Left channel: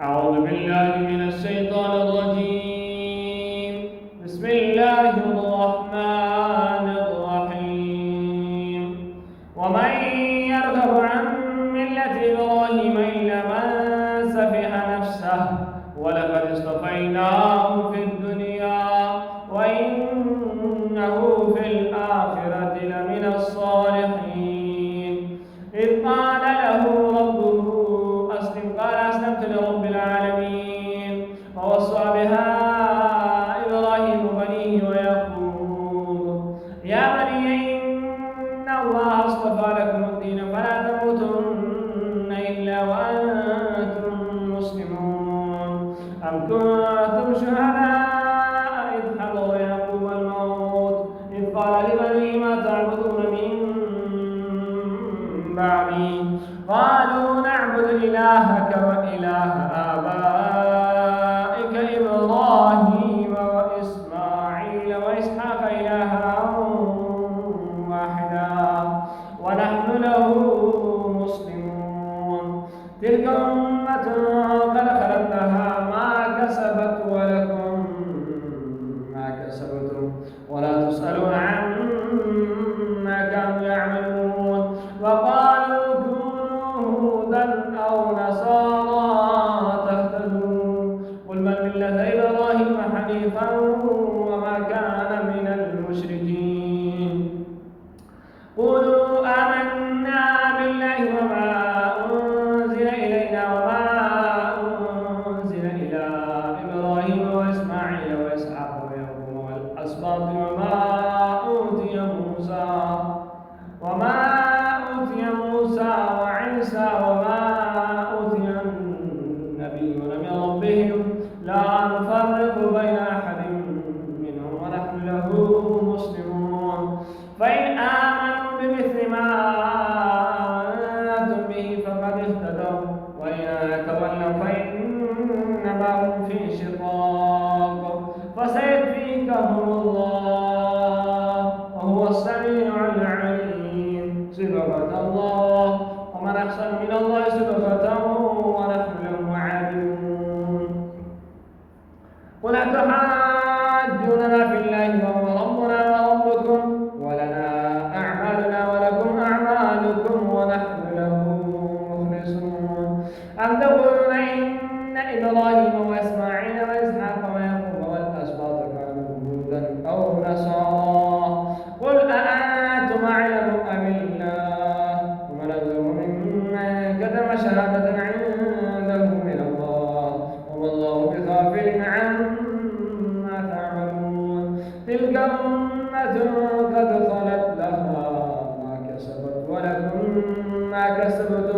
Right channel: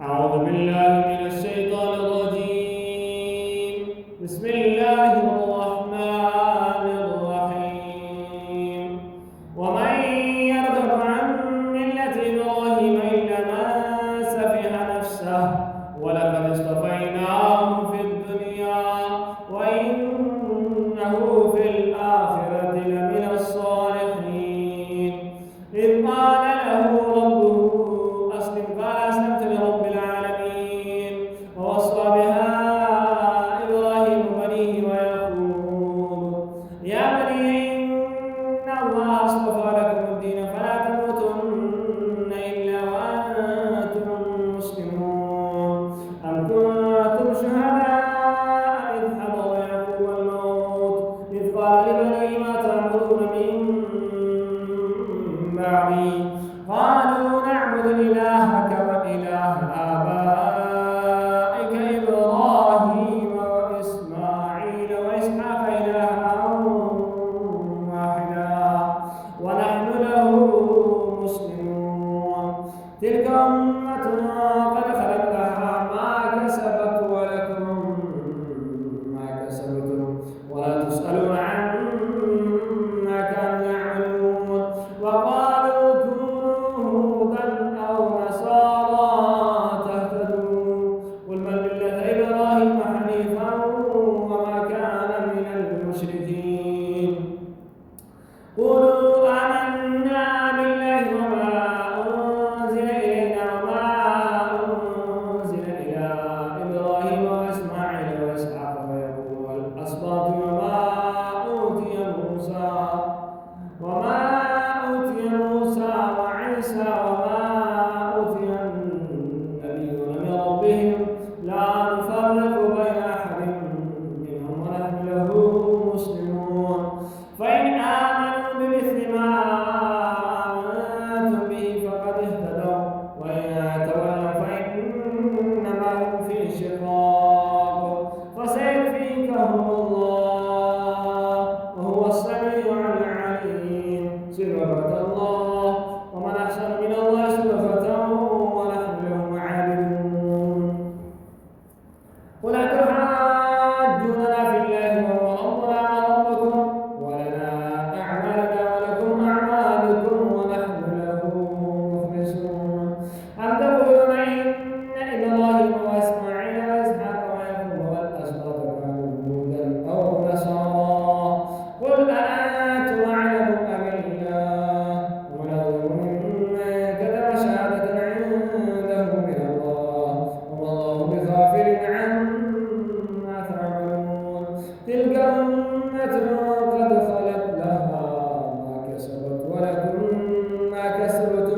أعوذ بالله من الشيطان الرجيم. بسم الله الرحمن الرحيم. ومن يرغب عن ملة إبراهيم إلا من سفح نفسه ولقد اصطفيناه في الدنيا وإنه في الآخرة لمن الصالحين. إذ قال له ربه أسلم قال أسلمت لرب العالمين. ووصى بها إبراهيم بنيه ويعقوب يا بني إن الله اصطفى لكم الدين فلا تموتن إلا وأنتم مسلمون. أم كنتم شهداء إذ حضر يعقوب الموت إذ قال لبنيه ما تعبدون من بعدي قالوا نعبد إلهك وإله آبائك إبراهيم وإسماعيل وإسحاق إلها واحدا ونحن له مسلمون. تلك أمة قد خلت لها ما كسبت ولكم ما كسبتم ولا تسألون عما كانوا يعملون. وقالوا كونوا هودا أو نصارى تهتدوا قل بل ملة إبراهيم حنيفا وما كان من المشركين. قولوا آمنا بالله وما أنزل إلينا وما أنزل إلى إبراهيم وإسماعيل وإسحاق ويعقوب والأسباط وما أوتي موسى وعيسى وما أوتي النبيون من ربهم لا نفرق بين أحد منهم ونحن له مسلمون. فإن آمنوا بمثل ما آمنتم به فقد اهتدوا وإن تولوا فإنما هم في شقاق فسيكفيكهم الله وهو السميع العليم. صبغة الله ومن أحسن من الله صبغة ونحن له عابدون. قل أتحاجوننا في الله وهو ربنا وربكم ولنا أعمالنا ولكم أعمالكم ونحن له مخلصون. أم تقولون إن إبراهيم وإسماعيل وإسحاق ويعقوب والأسباط كانوا هودا أو نصارى قل أأنتم أعلم أم الله ومن أظلم ممن كتم شهادة عنده من الله وما الله بغافل عما تعملون. تلك أمة قد خلت لها ما كسبت ولكم ما كسبتم